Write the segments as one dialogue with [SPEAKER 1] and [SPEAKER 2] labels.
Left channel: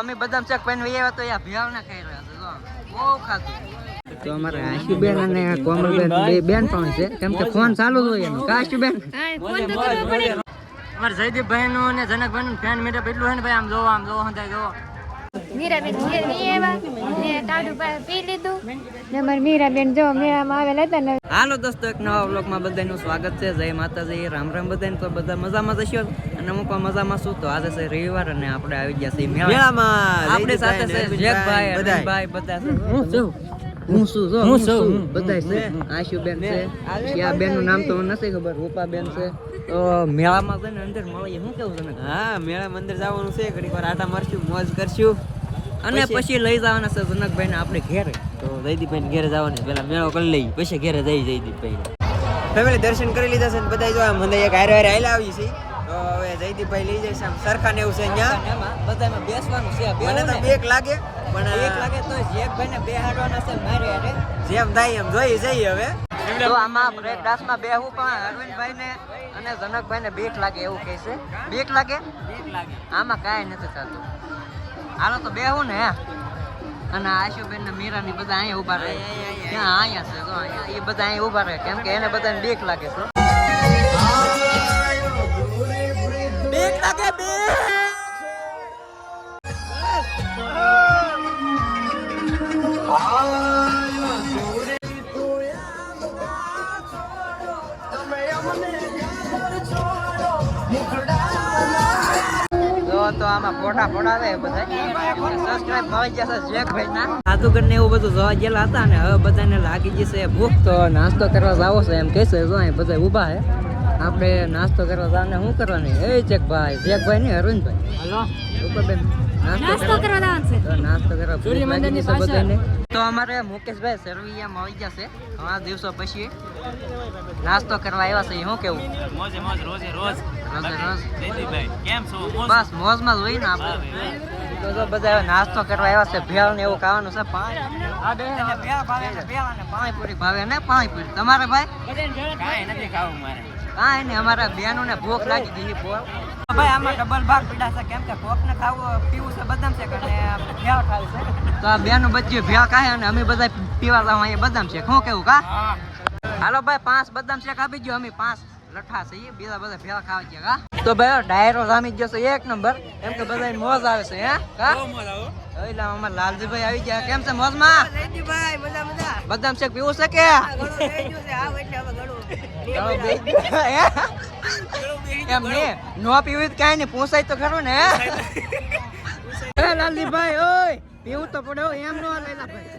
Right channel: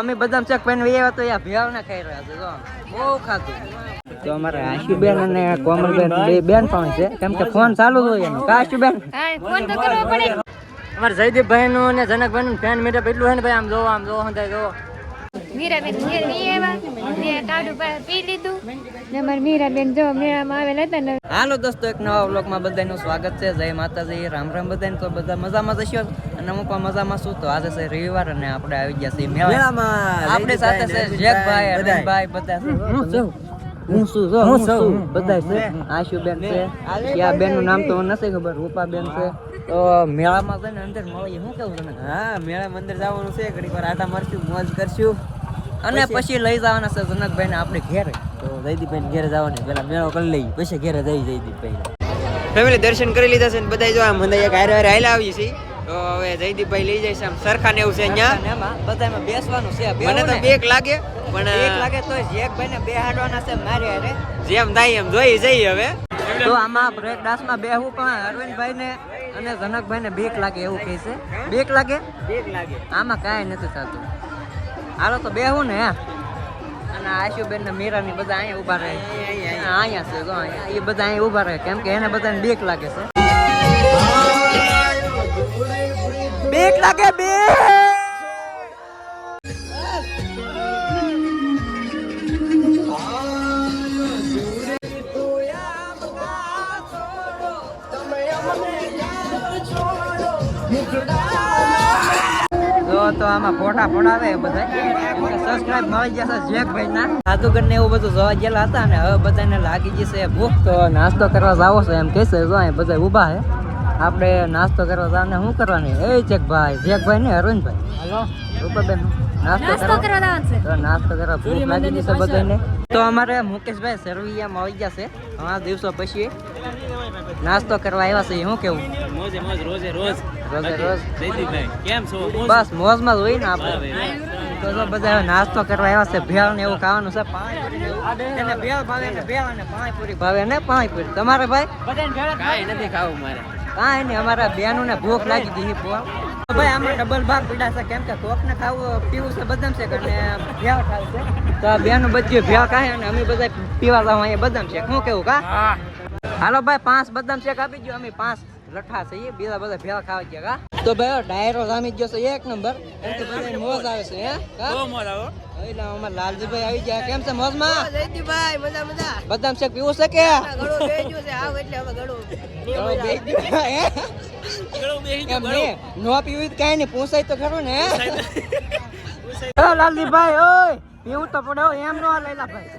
[SPEAKER 1] અમે બદામ ચક pen way તો યા ભેળ ના ખાઈ રહ્યા છે જો. બહુ ખાધું. તો અમારે આશુબેન અને કોમલબેન બે બેન પણ છે. કેમ કે ફોન ચાલુ જ હોય એનો. કા આશુબેન?
[SPEAKER 2] ફોન તો કરવો પડે.
[SPEAKER 1] અમારે જયદીપભાઈ નું અને જનકભાઈ નું ફેન મીટઅપ એટલું હોય ને ભાઈ આમ જો આમ જો જો
[SPEAKER 2] મીરાબેન ઘેર નહીં આવ્યા. મેં ટાઢું પી લીધું. ને મારી મીરાબેન જો મેળામાં આવેલા હતા ને.
[SPEAKER 1] હાલો દોસ્તો એક નવા બ્લોગમાં બધાનું સ્વાગત છે. જય માતાજી. રામ રામ બધાને. તો બધા મજામાં જશો? અને અમુક મજામાં શું? તો આજે છે રવિવાર અને આપણે આવી ગયા છીએ મેળામાં આપણી સાથે છે જેકભાઈ અરવિંદભાઈ બધા છે. હું છું જો હું છું. બધા છે? આશુબેન છે ત્યાં બેનનું નામ તો મને નથી ખબર રૂપાબેન છે. તો મેળામાં છે ને અંદર મળીએ શું કેવું તને
[SPEAKER 3] હા મેળામાં અંદર જવાનું છે ઘડીક વાર આટા મારશું મોજ કરશું.
[SPEAKER 1] અને પછી લઈ જવાના છે જનકભાઈ ને આપણે ઘેર.
[SPEAKER 3] તો જયદીપભાઈ ઘેરે જવાની પેલા મેળો કરી લઈ પછી ઘેરે જઈ જયદીપભાઈ ફેમિલી દર્શન કરી લીધા છે ને બધા જો આ મંદિર એક હારે હારે આવી છે તો હવે જયદીપભાઈ લઈ જાય છે આમ સરખા ને એવું છે અહીંયા.
[SPEAKER 1] એમાં. બધામાં બેસવાનું છે
[SPEAKER 3] મને તો બેક લાગે પણ
[SPEAKER 1] એક લાગે તો જેકભાઈ ને બેહાડવાના છે મારે અરે.
[SPEAKER 3] જેમ થાય એમ જોઈ જઈએ હવે.
[SPEAKER 1] તો આમાં બ્રેક ડાન્સમાં બેહું પણ અરવિંદભાઈ ને અને જનકભાઈ ને બેક લાગે એવું કહે છે. બેક લાગે?
[SPEAKER 3] બેક લાગે.
[SPEAKER 1] આમાં કાંઈ નથી થતું. હાલો તો બેહું ને અને આશુબેન ને મીરા ની બધા અહીંયા ઊભા રહે. અહીંયા છે જો અહીંયા. એ બધા અહીંયા ઊભા રહે. કેમ કે એને બધાને બેક લાગે છે. બીક લાગે બીક. ના. એવું બધું જોવા ગયેલા હતા ને હવે બધાને લાગી જશે ભૂખ તો નાસ્તો કરવા જાવો છે એમ કહેશે જો અહીં બધા ઊભા છે. આપણે નાસ્તો કરવા જવાને શું કરવાની? એ જેકભાઈ જેકભાઈ ને અરવિંદભાઈ હાલો. રૂપાબેન નાસ્તો
[SPEAKER 2] નાસ્તો
[SPEAKER 1] કરવા.
[SPEAKER 2] કરવા જવાનું છે.
[SPEAKER 1] તો નાસ્તો કરવા ભૂખ લાગી છે બધાને તો અમારે મુકેશભાઈ સરવૈયામાં આવી ગયા છે. ઘણા દિવસો પછી નાસ્તો કરવા આવ્યા છે. શું કેવું?
[SPEAKER 3] મોજે મોજ રોજે રોજ.
[SPEAKER 1] રોજે રોજ.
[SPEAKER 3] જયદીપભાઈ કેમ છો?
[SPEAKER 1] બસ મોજમાં જ હોય ને આપણે. બધા નાસ્તો કરવા આવ્યા છે. ભેળ ને એવું ખાવાનું છે. ભેળ ભાવે ને ભેળ અને પાણીપુરી ભાવે ને પાણીપુરી. તમારે ભાઈ?
[SPEAKER 3] કાંઈ નથી ખાવું મારે.
[SPEAKER 1] કાંઈ નહીં અમારા બહેનોને ને ભૂખ લાગી ગઈ છે તો ભાઈ આમાં ડબલ ભાગ પીડા છે કેમ કે કોક ને ખાવું પીવું છે બદામ છે અને ભેળ ખાવું છે. તો આ બહેનો બધી ભેળ ખાય અને અમે બધા પીવા જાવ અહીંયા બદામ છે શું કેવું કા? હાલો ભાઈ પાંચ બદામ શેક આપી ગયો અમે પાંચ લઠ્ઠા છે એ બીજા બધા ભેળ ખાવા ગયા કા? તો ભાઈ ડાયરો રામી ગયો છે એક નંબર. એમ કે બધા મોજ આવે છે હે? કા?
[SPEAKER 3] મોજ આવો
[SPEAKER 1] એટલે અમાર લાલજીભાઈ આવી ગયા. કેમ છે મોજમાં?
[SPEAKER 3] જયદીપભાઈ મજા મજા.
[SPEAKER 1] બદામ શેક પીવું છે કે?
[SPEAKER 3] ઘણું બેજ્યું છે આવ એટલે હવે ઘણું
[SPEAKER 1] ઘણો બેસી ગયો, હે? એમ ને નો પીવું તો કાંઈ નહીં પૂછાય તો ખરું ને હે? એ લાલજીભાઈ ઓય પીવું તો પડે એમ નો લેલા ભાઈ.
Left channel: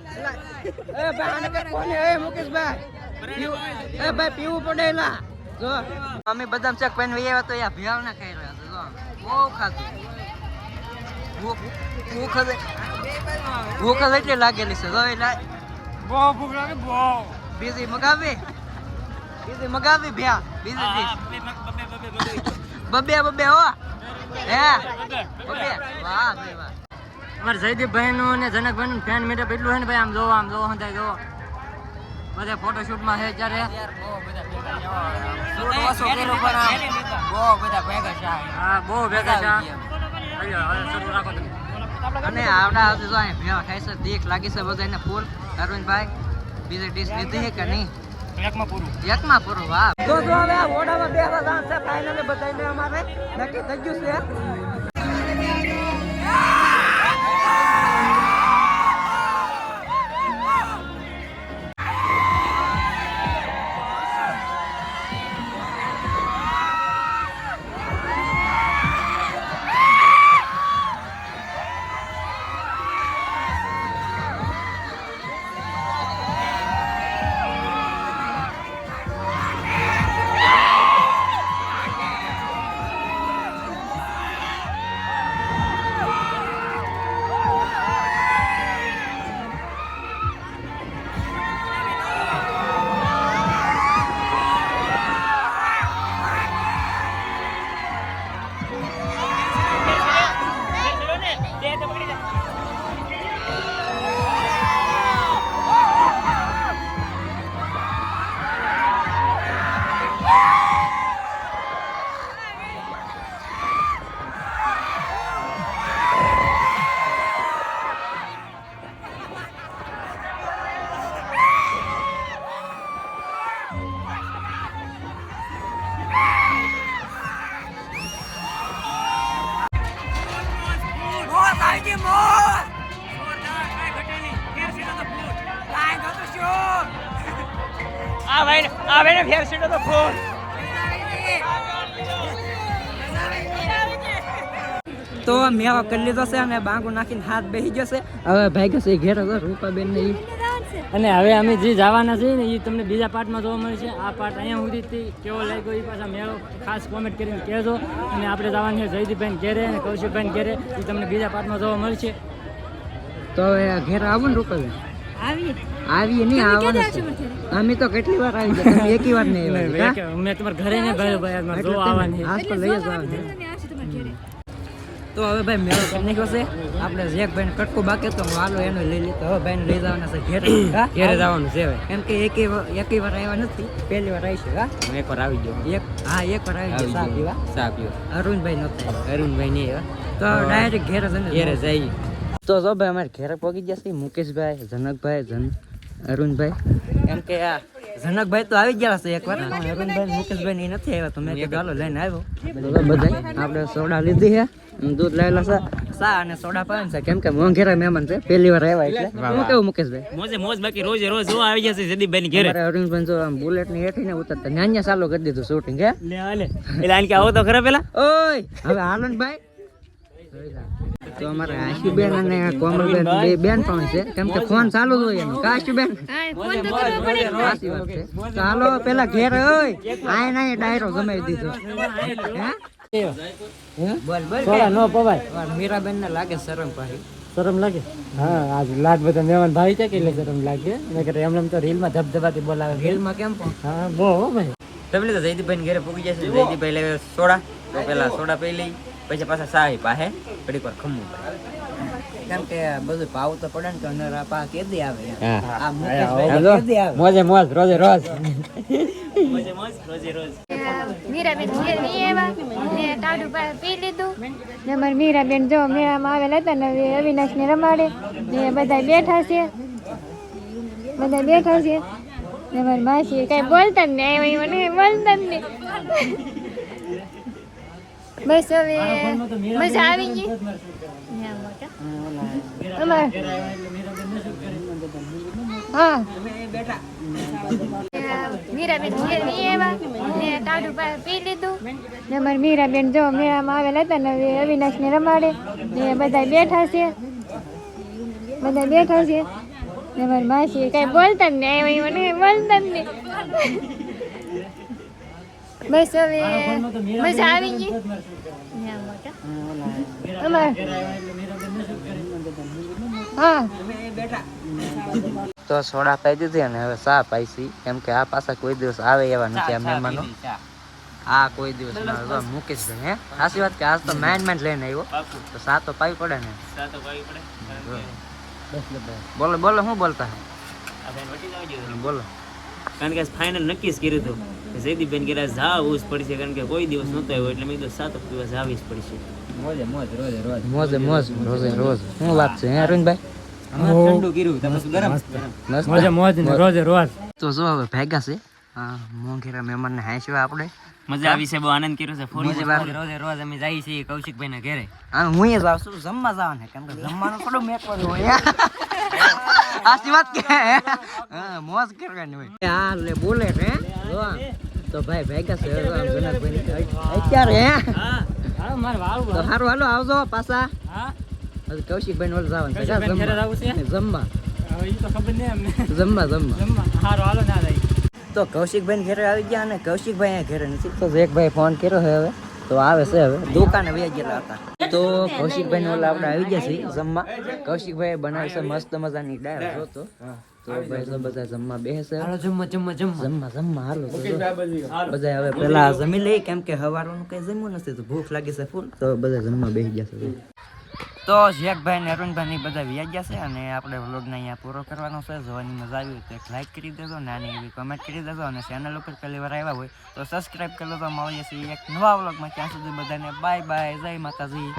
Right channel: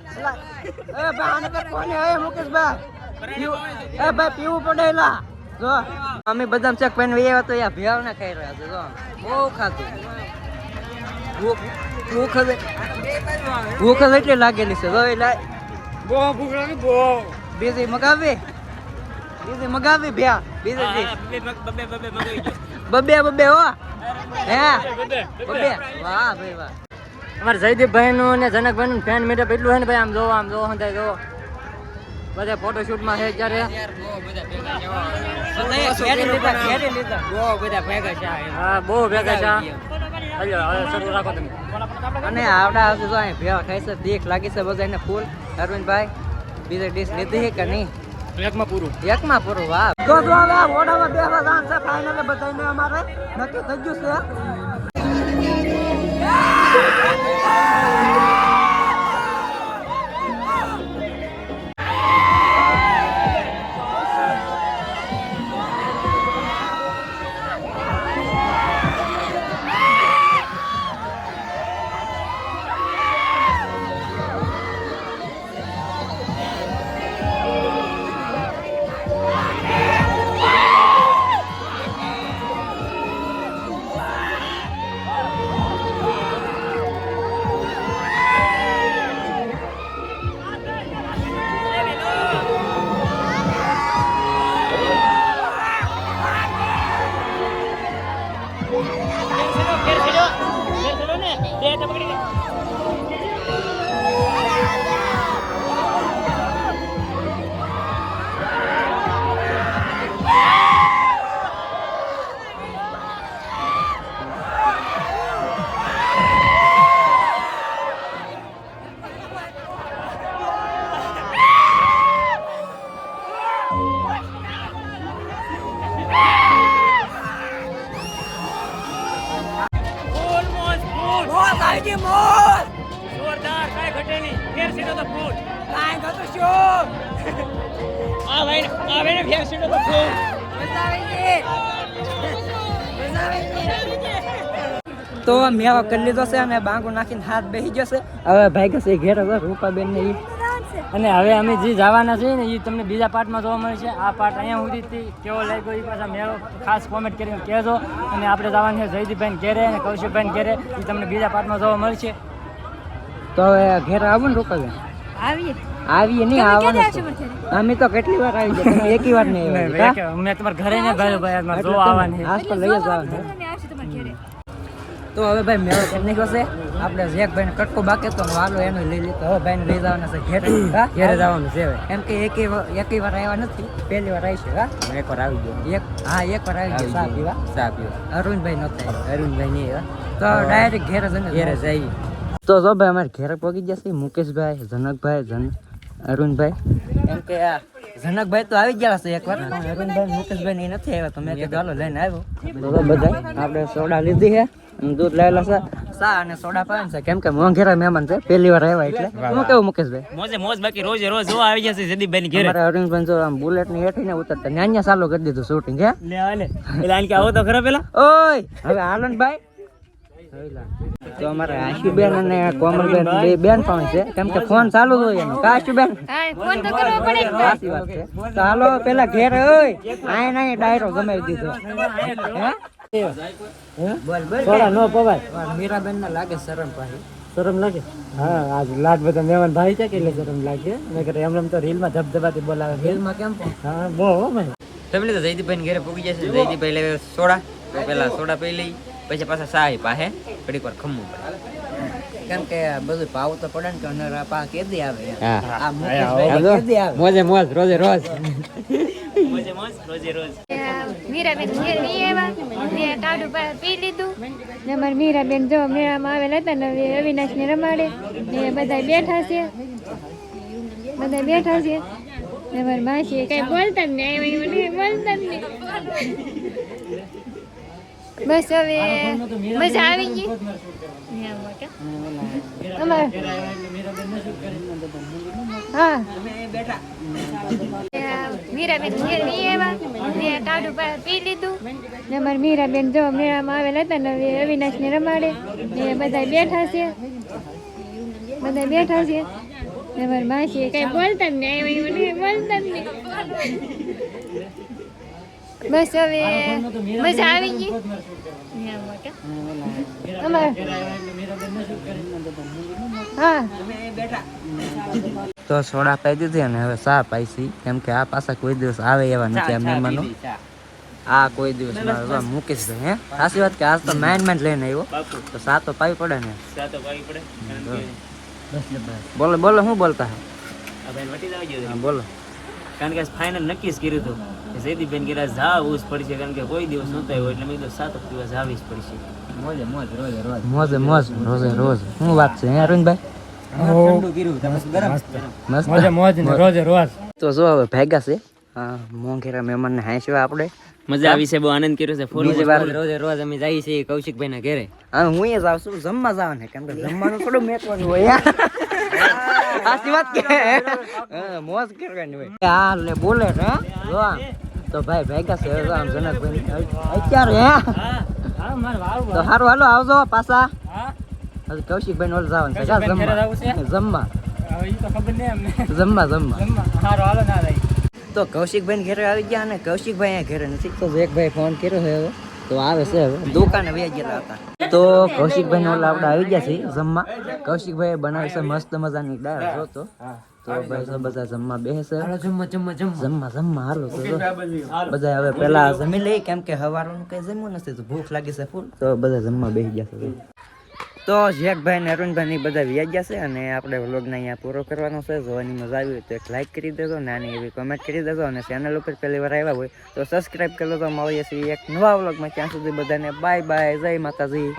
[SPEAKER 1] એ ભાઈ આને કોને, એ મુકેશભાઈ પીવું- એ ભાઈ પીવું પડે એલા જો અમે બદામ ચક પેન વે તો યા ભેળ ના ખાઈ રહ્યા છે જો. બહુ ખાધું. ભૂખ ભૂખ જ એટલી લાગેલી છે જો એટલે
[SPEAKER 3] બહુ ભૂખ લાગે બહુ.
[SPEAKER 1] બીજી મગાવી? બીજી મગાવી ભ્યા બીજી બબે બબે હો. હે? બબે વાહ ભાઈ વાહ. અમારે જયદીપભાઈ નું અને જનકભાઈ નું ફેન મીટઅપ એટલું હે ને ભાઈ આમ જોવો આમ જોવો હંધાય જોવો. બધા ફોટોશૂટમાં છે. અત્યારે
[SPEAKER 3] બહુ બધા ભેગા છે
[SPEAKER 1] હા બહુ ભેગા છે શરૂ રાખો તમે. અને આવડા આવતી જો અહીં ભેવા ખાય છે દેખ લાગી છે બધાને ફૂલ. અરવિંદભાઈ બીજી ડીશ લીધી છે કે નહીં?
[SPEAKER 3] એકમાં પૂરું.
[SPEAKER 1] એકમાં પૂરું વાહ. તો જો હવે ઓડામાં બેવા જાણ છે ફાઇનલી બધાને અમારે નક્કી થઈ ગયું છે. નહીં ફેર સીટો તો ફૂટ. કાંઈ ઘટો શું આ ભાઈ આ ભાઈને ફેર સીટો તો ફૂટ. તો મેવા કરી લીધો છે અને બાંગો નાખીને હાથ બેસી છે. હવે ભાઈ કશે ઘેર હતો રૂપાબેન ને
[SPEAKER 4] અને હવે અમે જે જવાના છીએ ને એ તમને બીજા પાર્ટમાં જોવા મળે છે. આ પાર્ટ અહીંયા સુધીથી કેવો લાગ્યો એ પાછા મેળો? ખાસ કોમેન્ટ કરીને કહેજો. અને આપણે જવાનું છે જયદીપભાઈ ઘેરે અને કૌશિકભાઈ ઘેરે. એ તમને બીજા પાર્ટમાં જોવા મળશે.
[SPEAKER 1] તો હવે ઘેર આવું ને રૂપાબેન
[SPEAKER 2] આવીએ.
[SPEAKER 1] આવીએ નહીં આવવાનું અમે તો કેટલી વાર આવી ગયા તમે એકી વાર નહીં
[SPEAKER 4] અમે તમારા ઘરે ને ભાઈ ભાઈ જોવા આવવાની
[SPEAKER 1] આસ પર લઈ જ આવવાનું તો હવે ભાઈ મેળો કેમ નીકળ્યો છે? આપણે જેકભાઈ ને કટકો બાકી તો વાલો એનો લઈ લીધો. હવે ભાઈ લઈ જવાના છે ઘેર
[SPEAKER 3] ઘેરે જવાનું છે
[SPEAKER 1] એમ કે એક વાર- એકેય વાર આવ્યા નથી. પહેલી વાર આવી છે હા
[SPEAKER 3] એક વાર આવી ગયો.
[SPEAKER 1] એક હા એક વાર આવી ગયો સા પીવા
[SPEAKER 3] ચા પીવો
[SPEAKER 1] અરુણભાઈ નહોતા
[SPEAKER 3] અરુણભાઈ નહીં.
[SPEAKER 1] તો ડાયરેક્ટ ઘેરે જઈને
[SPEAKER 3] ઘેરે જઈ
[SPEAKER 1] તો જો ભાઈ અમારે ઘેર પહોંચી જશે મુકેશભાઈ જનકભાઈ જન અરુણભાઈ. એમ કે આ જનકભાઈ તો આવી ગયા છે એકવાર. અરુણભાઈ મુકેશભાઈ નહીં નથી આવ્યા. તો મેં કીધું હાલો લઈને આવ્યો તો બધા આપણે સોડા લીધી છે. અને દૂધ લાવેલા છે. સા અને સોડા પાન છે. કેમ કે મોંઘેરા મહેમાન છે. પહેલી વાર આવ્યા એટલે હું કેવું મુકેશભાઈ?
[SPEAKER 4] મોજે મોજ બાકી રોજે રોજ જોવા આવી જશે જયદીપભાઈ ઘેરે.
[SPEAKER 1] અમારે અરુણભાઈ જો આમ બુલેટની હેઠી ને ઉતરતા ન્યાન્યા ચાલુ કરી દીધું શૂટિંગ હે?
[SPEAKER 4] લે હાલે. એટલે આને કે આવો તો ખરા પેલા.
[SPEAKER 1] ઓય હવે આનંદભાઈ તો અમારે આશુબેન અને કોમલબેન બે બેન પણ છે. કેમ કે ફોન ચાલુ જ હોય એનો. કા આશુબેન?
[SPEAKER 2] ફોન તો કરવો પડે
[SPEAKER 1] સાચી વાત છે. તો હાલો પેલા ઘેર ઓય આય નાય ડાયરો જમાઈ દીધો. હે? હે? બોલ બોલ
[SPEAKER 4] નો પવાય.
[SPEAKER 1] મીરાબેન ને લાગે શરમ પાછી
[SPEAKER 4] શરમ લાગે? હા આજ લાટ બધા મહેમાન ભાઈ છે કે એટલે શરમ લાગે. મેં એમને એમ તો રીલમાં ધબધબાથી બોલાવે
[SPEAKER 1] રેલમાં કેમ
[SPEAKER 4] હા બહુ હો ભાઈ.
[SPEAKER 3] ફેમિલી તો જયદીપભાઈ ઘેરે પૂગી જશે જયદીપભાઈ લેવે સોડા. તો પેલા સોડા પી લઈ. પછી પાછા સાહી પાસે ઘડીક વાર ખમવું પડે.
[SPEAKER 1] કેમ કે બધું ભાવ તો પડે ને કે અનરા પા કેદી આવે આ મુકેશભાઈ કેદી આવે.
[SPEAKER 3] મોજે મોજ રોજે રોજ.
[SPEAKER 4] મોજે મોજ રોજે રોજ.
[SPEAKER 2] મીરાબેન ઘેર નહીં આવ્યા. ને ટાઢું પી લીધું. ને અમારા મીરાબેન જો મેળામાં આવેલા હતા ને અવિનાશ ને રમાડે. ને બધા બેઠા છે. બધા બેઠા છે. ને મારી માસી કઈ બોલતા જ નહીં બોલતા જ નહીં. બસ હવે મજા આવી ગઈ. હા મીરાબેન આવ્યા. ને પા- લીધું. મીરાબેન જો મેળામાં આવેલા હતા ને હવે રમાડે. ને બધા બેઠા છે. બધા બેઠા છે. ને મારી માસી કઈ બોલતા જ નહીં બોલતા જ નહીં. બસ હવે મજા આવી ગઈ ન્યા મોટા અમાર હા
[SPEAKER 1] તો સોડા પાઈ દીધી અને હવે ચા પાઈ છી કેમ કે આ પાછા કોઈ દિવસ આવે એવા નથી આ મહેમાનો આ કોઈ દિવસ ના આવે. વાહ, મુકેશભાઈ હે સાચી વાત કે આજ તો માઇન માઇન લઈને આવ્યો તો સા તો પાવી પડે ને બોલો બોલો શું બોલતા હા, બોલો
[SPEAKER 4] કારણ કે ફાઇનલ નક્કી જ કર્યું હતું કે જયદીપબેન કે જાવું જ પડશે કારણ કે કોઈ દિવસ નહોતો આવ્યો એટલે મેં કીધું સાત દિવસ આવી જ પડશે.
[SPEAKER 1] મોજે મોજ રોજે રોજ. શું વાત છે હે અરવિંદભાઈ?
[SPEAKER 3] ઠંડુ કર્યું તમે શું ગરમ.
[SPEAKER 1] મસ્ત.
[SPEAKER 4] મોજે મોજ ને રોજે રોજ.
[SPEAKER 1] તો જો હવે ભેગા છે. હા. મોંઘેરા મહેમાનને હાંસવા આપણે.
[SPEAKER 4] મજા આવી છે બહુ આનંદ કર્યો છે
[SPEAKER 3] રોજ અમે જઈએ છીએ કૌશિકભાઈ ના ઘરે.
[SPEAKER 1] હા હું જ આવશું જમવા જવાનું કેમ કે જમવાનું થોડું મેકવાનું હોય. સાચી વાત કે હા મોજ કરવાની હોય. હા લે બોલે રે જો. તો ભાઈ ભેગા છે આમ જનકભાઈ અત્યારે હે? તો હારું હાલો આવજો પાછા.
[SPEAKER 4] હા?
[SPEAKER 1] કૌશિકભાઈ ને જવાનું છે જમવા. જમવા. જમવા
[SPEAKER 4] હાલો ના
[SPEAKER 1] તો કૌશિકભાઈ ઘરે આવી ગયા અને કૌશિકભાઈ અહીંયા ઘરે નથી. તો ભાઈ ફોન કર્યો છે હવે. તો આવે છે હવે. દુકાને વહી ગયેલા હતા. તો કૌશિકભાઈ ને આપણે આવી ગયા છીએ જમવા. કૌશિકભાઈ બનાવે છે મસ્ત મજાની દાળ જો તો. તો ભાઈ તો બધા જમવા બેસે.
[SPEAKER 4] જમવા જમવા જમવા.
[SPEAKER 1] જમવા જમવા તો બધા હવે પેલા જમી લઈ કેમ કે હવારનું કઈ જમ્યું નથી તો ભૂખ લાગી છે ફૂલ. તો બધા જમવા બેસી ગયા છે તો ઝેકભાઈ ને અરુણભાઈ બધા વ્યાજ જશે અને આપણે વ્લોગને અહીંયા પૂરો કરવાનો છે. જોવાની મજા આવી તો એક લાઇક કરી દેજો, નાની એવી કમેન્ટ કરી દેજો અને ચેનલ ઉપર પહેલી વાર આવ્યા હોય તો સબસ્ક્રાઈબ કરી લેજો. મળીએ છીએ એક નવા વ્લોગમાં ત્યાં સુધી બધાને બાય બાય જય માતાજી.